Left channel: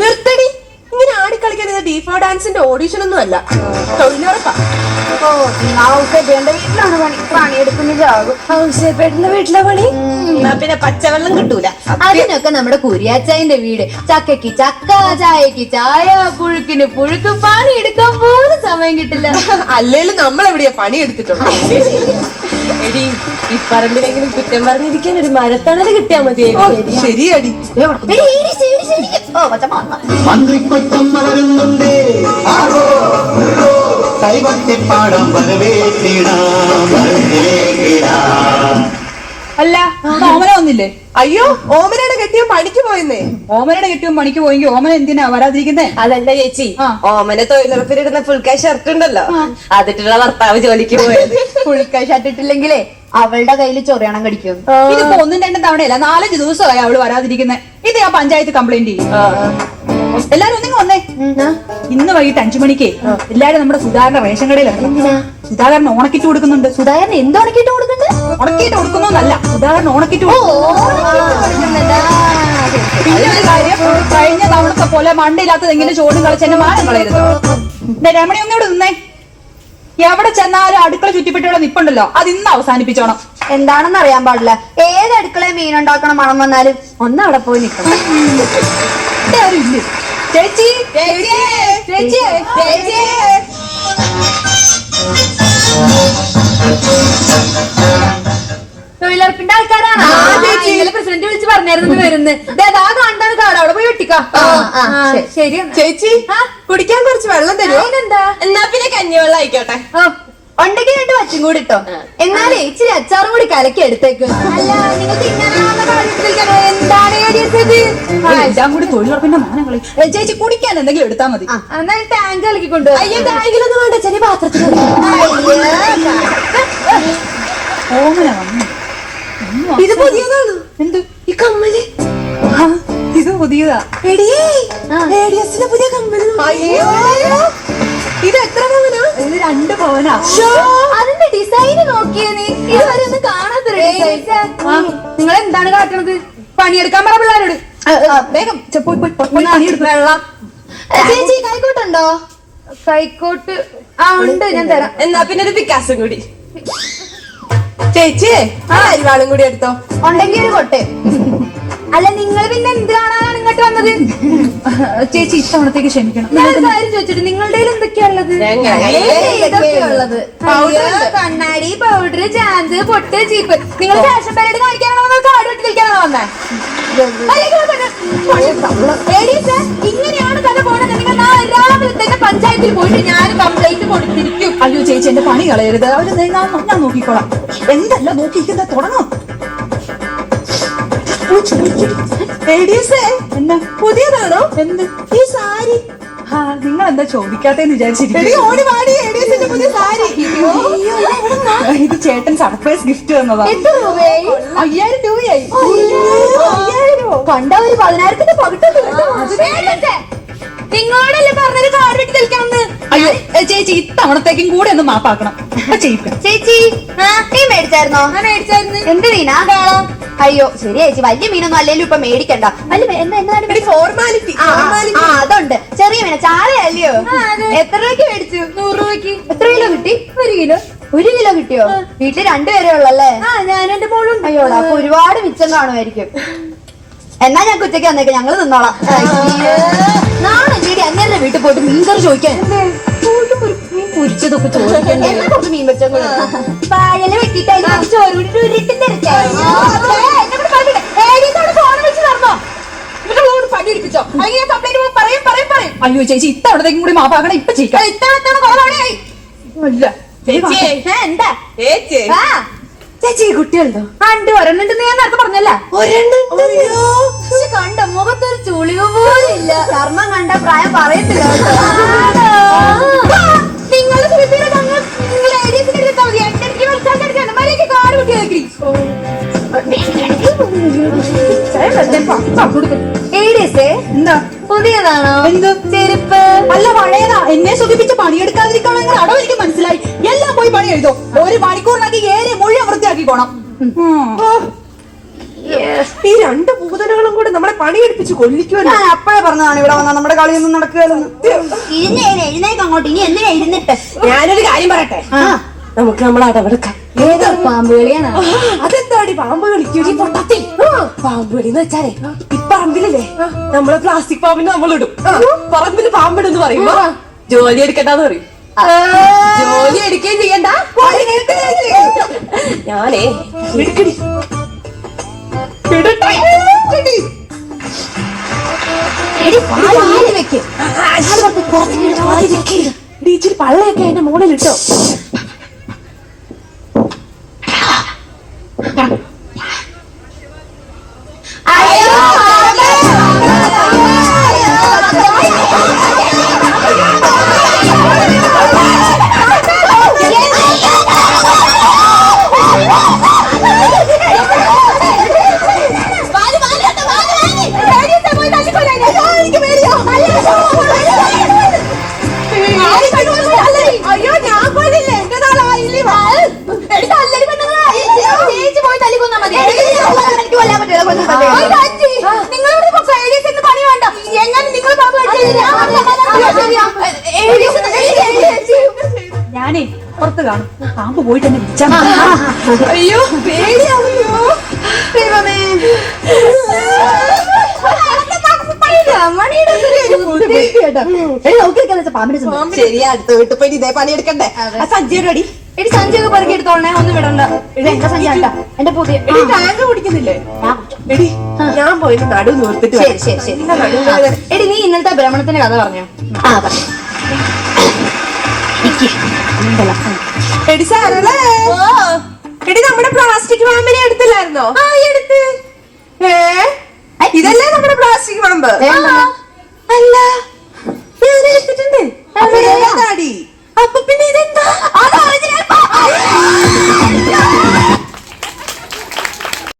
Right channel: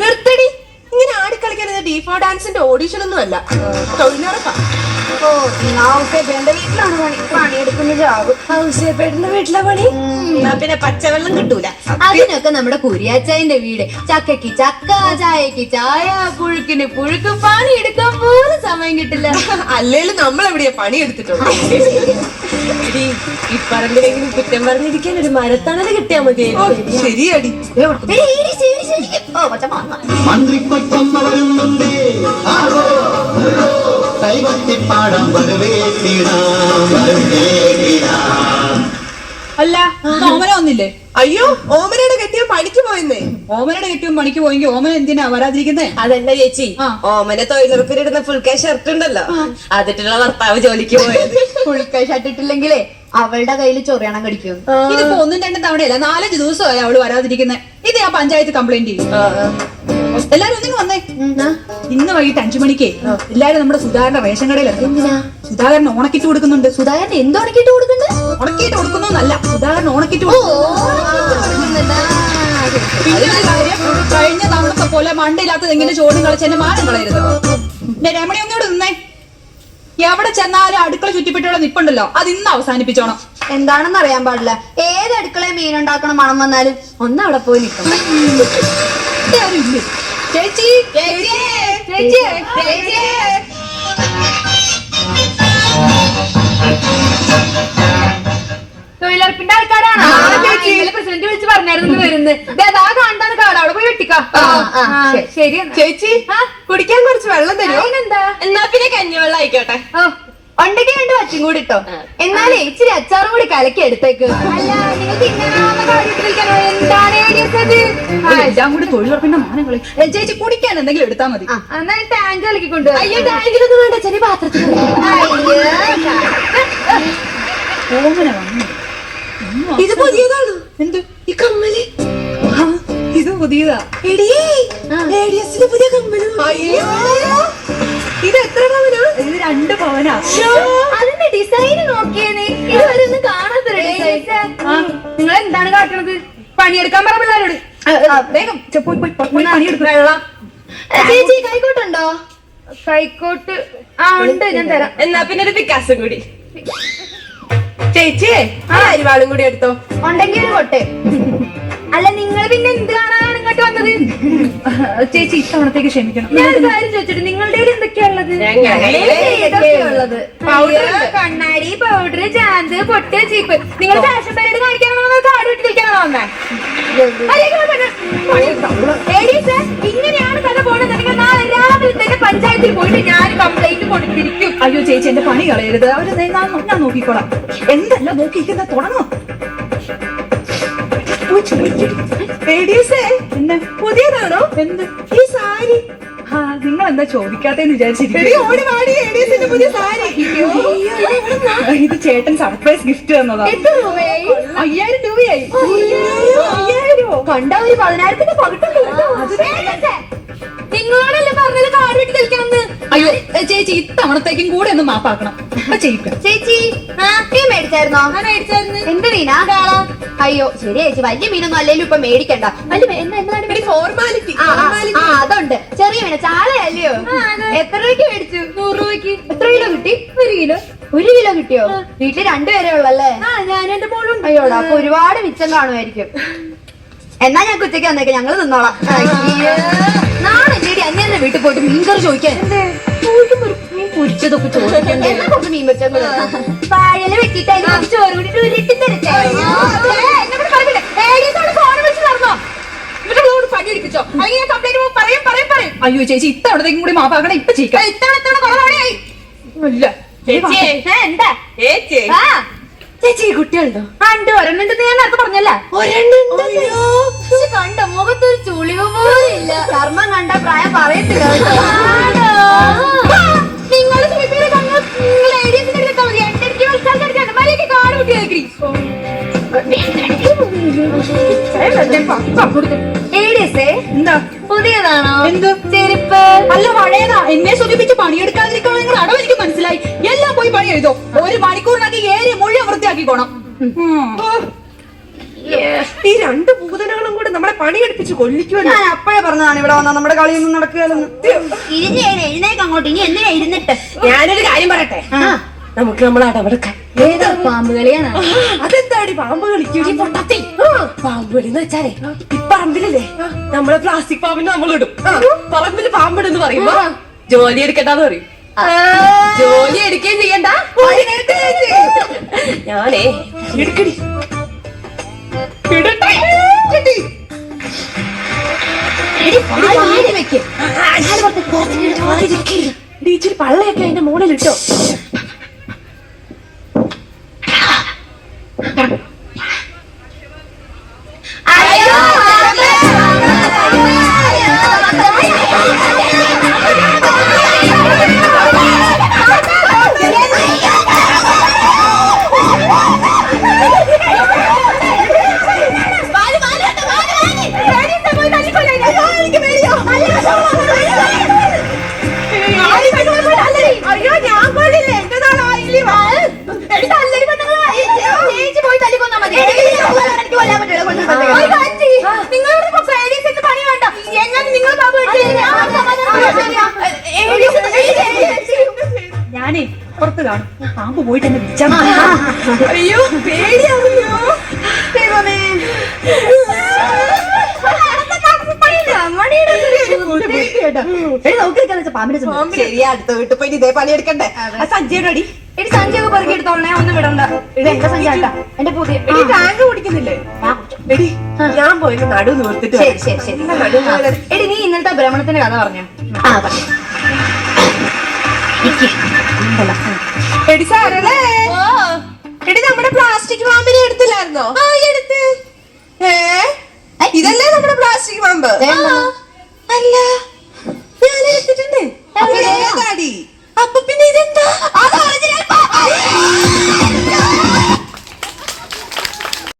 നിർത്തടി, ഇങ്ങനെ ആടിക്കളിക്കുന്നത് ഡീഫോ ഡാൻസിന്റെ ഓഡീഷൻ ഒന്നും അല്ല, തൊഴിലുറപ്പാ. വീട്ടിലാണ് പണിയെടുക്കുന്നതാകും. ഔസേപ്പേട്ടന്റെ വീട്ടിലെ പണി പിന്നെ പച്ചവെള്ളം കിട്ടൂല. അതിനൊക്കെ നമ്മുടെ കുരിയാച്ചായന്റെ വീട്. ചക്കയ്ക്ക് ചക്ക, ചായക്ക് ചായ, പുഴുക്കിന് പുഴുക്ക്. പണി എടുക്കാൻ പോലും സമയം കിട്ടില്ല. അല്ലേലും നമ്മൾ എവിടെയാ പണി എടുത്തിട്ടുള്ളൂ. എടി, ഈ പറമ്പിലെങ്കിലും കുറ്റം പറഞ്ഞിരിക്കാൻ ഒരു മരത്തണല് കിട്ടിയാ മതി. ശരിയടി. മന്ത്രിപ്പറ്റം വളരുന്നുണ്ടേ, കൈവട്ടിപ്പാടം അല്ല, ഓമന ഒന്നില്ലേ? അയ്യോ, ഓമനയുടെ കെട്ടിയ പണിക്ക് പോയെന്നേ. ഓമനയുടെ കെട്ടിയും പണിക്ക് പോയെങ്കിൽ ഓമന എന്തിനാ വരാതിരിക്കുന്നേ? അതല്ല ചേച്ചി, ഓമന തൊഴിലുറപ്പിലിടുന്ന ഫുൾ കൈ ഷർട്ട് ഉണ്ടല്ലോ, അതിട്ടുള്ള ഭർത്താവ് ജോലിക്ക് പോയത്. ഫുൾ കൈ ഷർട്ട് ഇട്ടില്ലെങ്കിലേ അവളുടെ കയ്യിൽ ചൊറിയണം കടിക്കും. ഇതിപ്പോ ഒന്നും രണ്ടും തവണയല്ല, 4-5 ദിവസമായി അവള് വരാതിരിക്കുന്നേ. ഇത് ഞാൻ പഞ്ചായത്ത് കംപ്ലൈന്റ് ചെയ്യും. എല്ലാരും ഒന്നിങ്ങ് വന്നേ. ഇന്ന് വൈകിട്ട് 5 മണിക്ക് എല്ലാരും നമ്മുടെ സുധാകരന്റെ റേഷൻ കടയിലാണ്. സുധാകരൻ ഓണക്കിറ്റ് കൊടുക്കുന്നുണ്ട്. സുധാകരൻ എന്ത് ഉണക്കിട്ട് കൊടുക്കുന്നുണ്ട്? ഉണക്കിയിട്ട് കൊടുക്കുന്നല്ല, സുധാകരൻ ഓണക്കിറ്റ് പിന്നെ ഒരു കാര്യം, കഴിഞ്ഞ തവണത്തെ പോലെ മണ്ടയില്ലാത്തത് എങ്ങനെ ചോദ്യം കളിച്ച് എന്നെ മാനം കളയരുത്. രമണി ഒന്നോട് നിന്നേ. എവിടെ ചെന്നാലും അടുക്കള ചുറ്റിപ്പെട്ടുള്ള നിപ്പുണ്ടല്ലോ, അത് ഇന്ന് അവസാനിപ്പിച്ചോണം. എന്താണെന്ന് അറിയാൻ പാടില്ല. ഏത് അടുക്കളയിൽ മീൻ ഉണ്ടാക്കണം മണം വന്നാലും ഒന്ന് അവിടെ പോയി നിൽക്കണം. ചേച്ചി, ചേച്ചി, ചേച്ചി, ചേച്ചി. തൊഴിലുറപ്പിന്റെ ആൾക്കാരാണ്. പ്രസിഡന്റ് വിളിച്ച് പറഞ്ഞായിരുന്നു വരുന്നത്. അതാ കാണാൻ കാട്, അവിടെ പോയി വെട്ടിക്കാം. ശരി ചേച്ചി, കുടിക്കാൻ കുറച്ച് വെള്ളം തരുമോ? എന്താ? എന്നാ പിന്നെ കഞ്ഞിവെള്ളം ആയിക്കോട്ടെ. ഉണ്ടെങ്കിൽ 2 വച്ചും കൂടി ഇട്ടോ. എന്നാലേ ഇച്ചിരി അച്ചാറും കൂടി കലക്കി എടുത്തേക്ക്. എല്ലാം കൂടി തൊഴിലുറപ്പിന്റെ മാനം കളി. ചേച്ചി, കുടിക്കാൻ എന്തെങ്കിലും എടുത്താൽ മതി. എന്നാൽ ടാങ്ക് കലക്കിക്കൊണ്ട്. അയ്യോ, ടാങ്കിലൊന്നും വേണ്ട, ചെറിയ പാത്രത്തിൽ. ഓമന വന്നു. ഇത് പുതിയതാണ്. എന്തു ഈ കമ്മല്? ഇത് പുതിയതാ. ഏഡിയസിന്റെ പുതിയ കമ്മല്. അയ്യോ, ഇത് എത്ര പവനാ? ഇത് 2 പവനാ. അതിന്റെ ഡിസൈന് നോക്കിയേ നീ. ഇതുവരെ ഒന്നും കാണാത്തൊരു ഡിസൈൻ. നിങ്ങൾ എന്താണ് കാട്ടുന്നത്? പണിയെടുക്കാൻ പറ പിള്ളേരോട്. വേഗം പണിയെടുക്കും. വെള്ളം. ചേച്ചി, കൈക്കോട്ടുണ്ടോ? കൈക്കോട്ട് ഉണ്ട്, ഞാൻ തരാം. എന്നാ പിന്നെ ഒരു പിക്കാസും കൂടി. ചേച്ചി, ആ അരിവാളും കൂടി എടുത്തോ. ഉണ്ടെങ്കിൽ ഒരു കൊട്ടെ. അല്ല, നിങ്ങൾ പിന്നെ എന്ത് കാണാനാണ് ഇങ്ങോട്ട് വന്നത്? ചേച്ചി, ഇത്തവണത്തേക്ക് ക്ഷമിക്കണം. ഞാനൊരു കാര്യം ചോദിച്ചിട്ട്, നിങ്ങളുടെ എന്തൊക്കെയാ ഉള്ളത്? കണ്ണാടി, പൗഡർ, ചാന്ത്, പൊട്ട്, ചീപ്പ്. നിങ്ങൾ ഫാഷൻ പരേഡ് കാണിക്കാനാണോ കാട് വെട്ടി കളിക്കാനാണോ വന്നേ? ഇങ്ങനെയാണ് കഥ പോണെന്നുണ്ടെങ്കിൽ രാവിലത്തെ പഞ്ചായത്തിൽ പോയിട്ട് ഞാൻ കംപ്ലൈന്റ് കൊടുത്തിരിക്കും. അയ്യോ ചേച്ചി, എന്റെ പണി കളയരുത്. അവര് ഞാൻ നോക്കിക്കോളാം. എന്തല്ല നോക്കിയിരിക്കുന്ന തുടങ്ങും. എന്നാ പുതിയതാണോ? എന്ത് ഈ സാരി? നിങ്ങൾ എന്താ ചോദിക്കാത്തേന്ന് വിചാരിച്ചിരിക്കും. ഓടി വാടി, ഏഡിയസിന്റെ പുതിയ സാരി. ഇത് ചേട്ടൻ സർപ്രൈസ് ഗിഫ്റ്റ് തന്നതാ. എത്ര രൂപയായി? 5000 രൂപയായി. 5000 കണ്ട ഒരു 10,000ന്റെ പകിട്ടുണ്ട്. നിങ്ങളോടല്ലേ പറഞ്ഞത് കാട് വെട്ടി കളിക്കാമെന്ന്? അയ്യോ ചേച്ചി, ഇത്തവണത്തേക്കും കൂടെ ഒന്ന് മാപ്പാക്കണം. ചെയ്യിക്കാം. ചേച്ചി, നീ മേടിച്ചായിരുന്നോ? ഞാൻ മേടിച്ചായിരുന്നു. എന്ത് മീനാ? അയ്യോ ശരി ചേച്ചി, വലിയ മീനൊന്നും അല്ലെങ്കിലും ഇപ്പൊ മേടിക്കണ്ട. ഫോർമാലിറ്റി. അതുണ്ട്. ചെറിയ മീന ചാളയല്ലയോ? എത്ര രൂപയ്ക്ക് മേടിച്ചു? 100 രൂപയ്ക്ക്. എത്ര കിലോ കിട്ടി? 1 കിലോ. 1 കിലോ കിട്ടിയോ? വീട്ടിൽ 2 പേരേ ഉള്ളല്ലേ? ഞാൻ എന്റെ മോളുണ്ട്. അയ്യോടാ, അപ്പൊ ഒരുപാട് മിച്ചം കാണുമായിരിക്കും. എന്നാ ഞാൻ ഉച്ചയ്ക്ക് വന്നേക്കാം, ഞങ്ങള് തിന്നോളാം. നാളെ ചേടി അങ്ങനെ വീട്ടിൽ പോയിട്ട് മീൻകറി ചോദിക്കാൻ. പൊരിച്ചതൊക്കെ ചോദിക്കണ്ടേ? മീൻ വെച്ചത് പായല വെട്ടിട്ട് അതിന് ചോറ് കൂടി ഉരുട്ടി തരട്ടെ. അയ്യോ ചേച്ചി, ഇത്തവണത്തേക്കും കൂടി മാപ്പാക്കണം. ഇപ്പൊ ചെയ്യിക്കാം. എന്താ ചേച്ചി, കുട്ടികളുണ്ടോ? പണ്ട് ഒരെണ്ണുണ്ടെന്ന് ഞാൻ നേരത്തെ പറഞ്ഞല്ല. കണ്ട മുഖത്തൊരു ചുളിവ് പോലില്ല. ചർമ്മം കണ്ട പ്രായം പറയത്തില്ല. എന്താ പുതിയതാണോ? എന്ത് ചെരുപ്പ്? അല്ല, പഴയതാ. എന്നെ സൂചിപ്പിച്ച് പണിയെടുക്കാതിരിക്കണമെങ്കിൽ അടവ് എനിക്ക് മനസ്സിലായി. എല്ലാം പോയി പണി എഴുതോ. 1 മണിക്കൂറിനൊക്കെ ഏരിയ മുഴുവൻ വൃത്തിയാക്കിക്കോണം. ഈ 2 ഭൂതനകളും കൂടെ നമ്മളെ പണിയെടുപ്പിച്ച് കൊല്ലിക്കുമല്ലോ. ഞാൻ അപ്പോഴേ പറഞ്ഞതാണ് ഇവിടെ വന്നാൽ നമ്മുടെ കളിയൊന്നും നടക്കുകയല്ലെന്ന്. എഴുന്നേക്ക് അങ്ങോട്ട്. ഇനി എന്തിനാ ഇരുന്നിട്ട്? ഞാനൊരു കാര്യം പറയട്ടെ, നമുക്ക് നമ്മൾ അടവെടുക്കാം. ഏതാ പാമ്പ് കളിയാണ്? അതെന്താടി പാമ്പ് കളിക്കും? പാമ്പ് കളി എന്ന് വെച്ചാലേ ഈ പറമ്പിലല്ലേ നമ്മളെ പ്ലാസ്റ്റിക് പാമ്പിന് നമ്മളിടും. പറമ്പില് പാമ്പിടെന്ന് പറയുമ്പോ ജോലി എടുക്കണ്ടെന്ന് പറയും. ജോലി എടുക്കുകയും ചെയ്യണ്ട. ഞാനേ എടുക്കടി ഇച്ചിരി പള്ളയൊക്കെ അതിന്റെ മുകളിലിട്ടോ. അയ്യോ ഞാൻ പോയില്ലേ, എന്റെ നാളായില്ലേ. ഞാനേ പുറത്ത് കാണും. പാമ്പ് പോയിട്ട് എന്നെ വിളിച്ചാ. അയ്യോ പേടിയാവോ. ശരിയാ, അടുത്ത വീട്ടിൽ പോയി ഇതേ പണിയെടുക്കണ്ടേ. സഞ്ജയുടെ അടി എടി സഞ്ജയൊക്കെ പെറുക്കി എടുത്തോളണേ, ഒന്നും വിടണ്ട. എന്റെ സഞ്ജ എന്റെ പുതിയ എടി ടാങ്ക് കുടിക്കുന്നില്ലേ? എടി ഞാൻ പോയിട്ട് നടു നിർത്തിട്ട് ശരി ശരി ശരി. എടി നീ ഇന്നലത്തെ ഭ്രമണത്തിന്റെ കഥ പറഞ്ഞോ? എടി സാരല്ലേ, എടി നമ്മുടെ പ്ലാസ്റ്റിക് പാമ്പിനെ എടുത്തില്ലായിരുന്നോ? എടുത്ത്. ഇതല്ലേ നമ്മുടെ പ്ലാസ്റ്റിക് പാമ്പ്?